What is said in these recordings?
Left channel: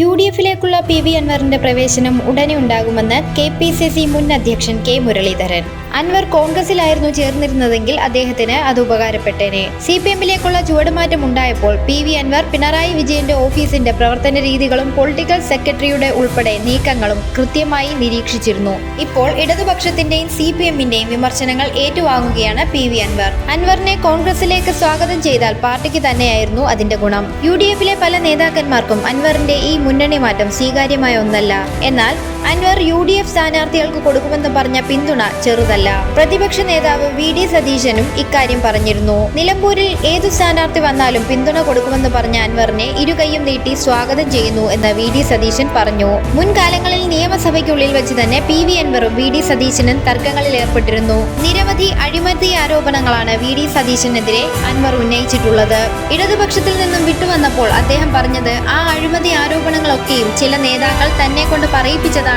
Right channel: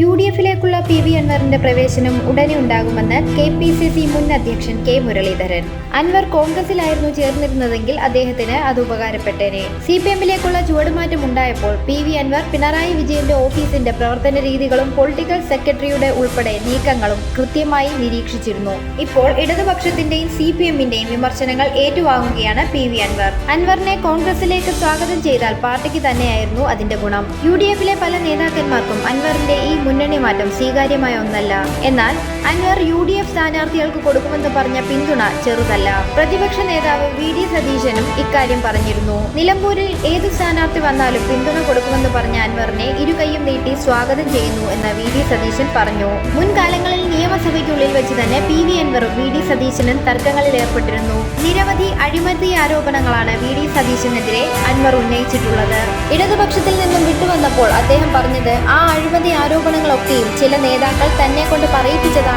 U D എഫിലേക്കുള്ള P V അൻവറിന്റെ പ്രവേശനം ഉടനെ ഉണ്ടാകുമെന്ന് കെ പി സി സി മുൻ അധ്യക്ഷൻ കെ മുരളീധരൻ. അൻവർ കോൺഗ്രസിലായിരുന്നു ചേർന്നിരുന്നതെങ്കിൽ അദ്ദേഹത്തിന് അത് ഉപകാരപ്പെട്ടേനെ. സി പി എമ്മിലേക്കുള്ള ചുവടുമാറ്റം ഉണ്ടായപ്പോൾ പി വി അൻവർ പിണറായി വിജയന്റെ ഓഫീസിന്റെ പ്രവർത്തന രീതികളും പൊളിറ്റിക്കൽ സെക്രട്ടറിയുടെ ഉൾപ്പെടെ നീക്കങ്ങളും കൃത്യമായി നിരീക്ഷിച്ചിരുന്നു. ഇപ്പോൾ ഇടതുപക്ഷത്തിന്റെയും സി പി എമ്മിന്റെയും വിമർശനങ്ങൾ ഏറ്റുവാങ്ങുകയാണ് പി വി അൻവർ. അൻവറിനെ കോൺഗ്രസിലേക്ക് സ്വാഗതം ചെയ്താൽ പാർട്ടിക്ക് തന്നെയായിരുന്നു അതിന്റെ ഗുണം. യു ഡി എഫിലെ പല നേതാക്കന്മാർക്കും അൻവറിന്റെ ഈ മുന്നണി മാറ്റം സ്വീകാര്യമായ ഒന്നല്ല. എന്നാൽ അൻവർ യു ഡി എഫ് സ്ഥാനാർത്ഥികൾക്ക് കൊടുക്കുമെന്ന് പറഞ്ഞ പിന്തുണ ചെറുതല്ല. പ്രതിപക്ഷ നേതാവ് വി ഡി സതീശനും ഇക്കാര്യം പറഞ്ഞിരുന്നു. നിലമ്പൂരിൽ ഏതു സ്ഥാനാർത്ഥി വന്നാലും പിന്തുണ കൊടുക്കുമെന്ന് പറഞ്ഞ അൻവറിനെ ഇരുകൈയും നീട്ടി സ്വാഗതം ചെയ്യുന്നു എന്ന് വി ഡി സതീശൻ പറഞ്ഞു. മുൻകാലങ്ങളിൽ നിയമസഭയ്ക്കുള്ളിൽ വെച്ച് തന്നെ പി വി അൻവറും വി ഡി സതീശനും തർക്കങ്ങളിൽ ഏർപ്പെട്ടിരുന്നു. നിരവധി അഴിമതി ആരോപണങ്ങളാണ് വി ഡി സതീശനെതിരെ അൻവർ ഉന്നയിച്ചിട്ടുള്ളത്. ഇടതുപക്ഷത്തിൽ നിന്നും വിട്ടുവന്നപ്പോൾ അദ്ദേഹം പറഞ്ഞത് ആ അഴിമതി ആരോപണങ്ങളൊക്കെയും ചില നേതാക്കൾ തന്നെ കൊണ്ട്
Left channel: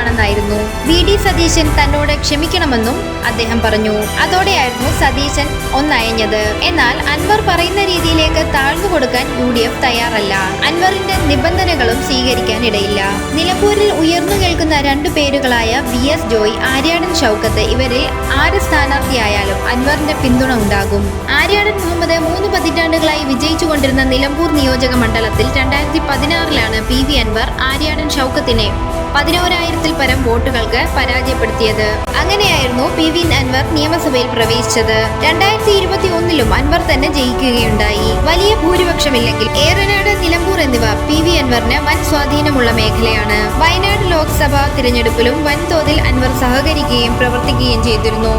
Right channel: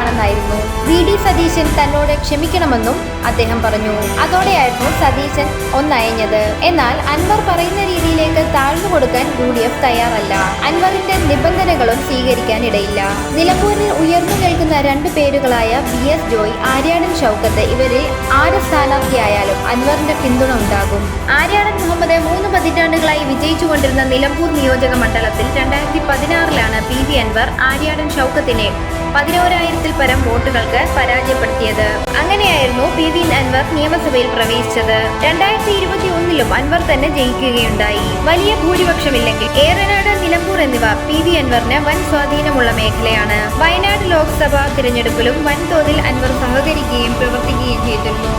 പറയിപ്പിച്ചതാണെന്നായിരുന്നു വി ഡി സതീശൻ തന്നോട് ക്ഷമിക്കണമെന്നും അദ്ദേഹം പറഞ്ഞു. അതോടെയായിരുന്നു സതീശൻ ഒന്നയഞ്ഞത്. എന്നാൽ അൻവർ പറയുന്ന രീതിയിലേക്ക് താഴ്ന്നു കൊടുക്കാൻ യു ഡി എഫ് തയ്യാറല്ല. അൻവറിന്റെ നിബന്ധനകളും സ്വീകരിക്കാനിടയില്ല. നിലമ്പൂരിൽ ഉയർന്നു രണ്ടു പേരുകളായ വി എസ് ജോയ് ആര്യാടൻ ഷൗക്കത്ത് ഇവരിൽ ആര് സ്ഥാനാർത്ഥിയായാലും അൻവറിന്റെ പിന്തുണ ഉണ്ടാകും. ആര്യാടൻ മുഹമ്മദ് മൂന്ന് പതിറ്റാണ്ടുകളായി വിജയിച്ചുകൊണ്ടിരുന്ന നിലമ്പൂർ നിയോജക മണ്ഡലത്തിൽ രണ്ടായിരത്തി പതിനാറിലാണ് പി വി അൻവർ ആര്യാടൻ ഷൗക്കത്തിനെ പതിനോരായിരത്തിൽ പരം വോട്ടുകൾക്ക് പരാജയപ്പെടുത്തിയത്. അങ്ങനെയായിരുന്നു പി വി അൻവർ നിയമസഭയിൽ പ്രവേശിച്ചത്. രണ്ടായിരത്തി ഇരുപത്തി ഒന്നിലും അൻവർ തന്നെ ജയിക്കുകയുണ്ടായി. വലിയ ഭൂരിപക്ഷമില്ലെങ്കിൽ ഏറനാട് എന്നിവ പി വി അൻവറിന് വൻ സ്വാധീനമുള്ള മേഖലയാണ്. വയനാട് ലോക്സഭാ തിരഞ്ഞെടുപ്പിലും വൻതോതിൽ അൻവർ സഹകരിക്കുകയും പ്രവർത്തിക്കുകയും ചെയ്തിരുന്നു.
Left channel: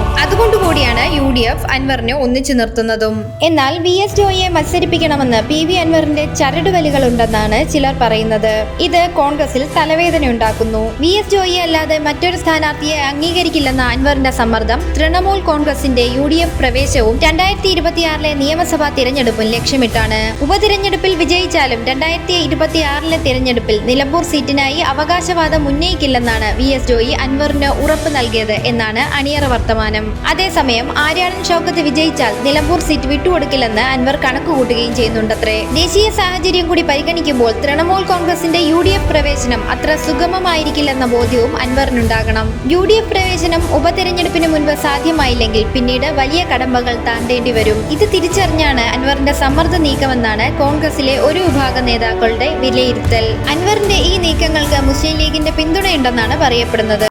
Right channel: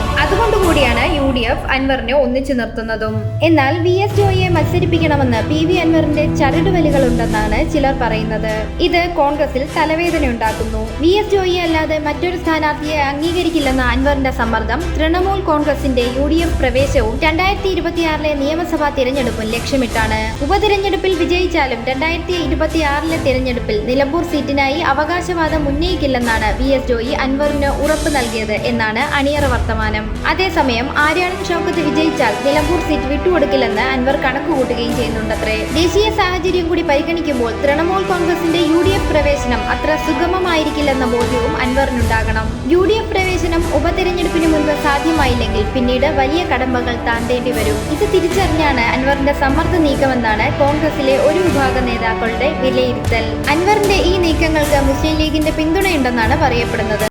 ഡി എഫ് അൻവറിനെ ഒന്നിച്ചു നിർത്തുന്നതും. എന്നാൽ വി എസ് ജോയിയെ മത്സരിപ്പിക്കണമെന്ന് പി വി അൻവറിന്റെ ചരടുവലികളുണ്ടെന്നാണ് ചിലർ പറയുന്നത്. ഇത് കോൺഗ്രസിൽ തലവേദന ഉണ്ടാക്കുന്നു വി എസ് ജോയി അല്ലാതെ മറ്റൊരു സ്ഥാനാർത്ഥിയെ അംഗീകരിക്കില്ലെന്ന അൻവറിന്റെ സമ്മർദ്ദം തൃണമൂൽ കോൺഗ്രസിന്റെ യു ഡി എഫ് പ്രവേശവും രണ്ടായിരത്തി ഇരുപത്തിയാറിലെ നിയമസഭാ തിരഞ്ഞെടുപ്പും ലക്ഷ്യമിട്ടാണ്. ഉപതിരഞ്ഞെടുപ്പിൽ വിജയിച്ചാലും രണ്ടായിരത്തി ഇരുപത്തിയാറിലെ തിരഞ്ഞെടുപ്പിൽ നിലമ്പൂർ സീറ്റിനായി അവകാശവാദം ഉന്നയിക്കില്ലെന്നാണ് വി എസ് ജോയി അൻവറിന് ഉറപ്പ് നൽകിയത് എന്നാണ് അണിയറ വർത്തമാനം. അതേസമയം ആര്യാടൻ ഷൗക്കത്ത് വിജയിച്ചാൽ നിലമ്പൂർ സീറ്റ് വിട്ടുകൊടുക്കില്ലെന്ന് അൻവർ കണക്കുകൂട്ടുകയും ചെയ്യുന്നുണ്ടത്രേ. ദേശീയ സാഹചര്യം കൂടി പരിഗണിക്കുമ്പോൾ തൃണമൂൽ കോൺഗ്രസിന്റെ യു ഡി എഫ് പ്രവേശനം അത്ര സുഗമമായിരിക്കില്ലെന്ന ബോധ്യവും അൻവറിനുണ്ടാകണം. യു ഡി എഫ് പ്രവേശനം ഉപതെരഞ്ഞെടുപ്പിന് മുൻപ് സാധ്യമായില്ലെങ്കിൽ പിന്നീട് വലിയ കടമ്പകൾ താണ്ടേണ്ടി വരും. ഇത് തിരിച്ചറിഞ്ഞാണ് അൻവറിന്റെ സമ്മർദ്ദ നീക്കമെന്നാണ് കോൺഗ്രസിലെ ഒരു വിഭാഗം നേതാക്കളുടെ വിലയിരുത്തൽ. അൻവറിന്റെ ഈ നീക്കങ്ങൾക്ക് മുസ്ലിം ലീഗിന്റെ പിന്തുണയുണ്ടെന്നാണ് പറയപ്പെടുന്നത്.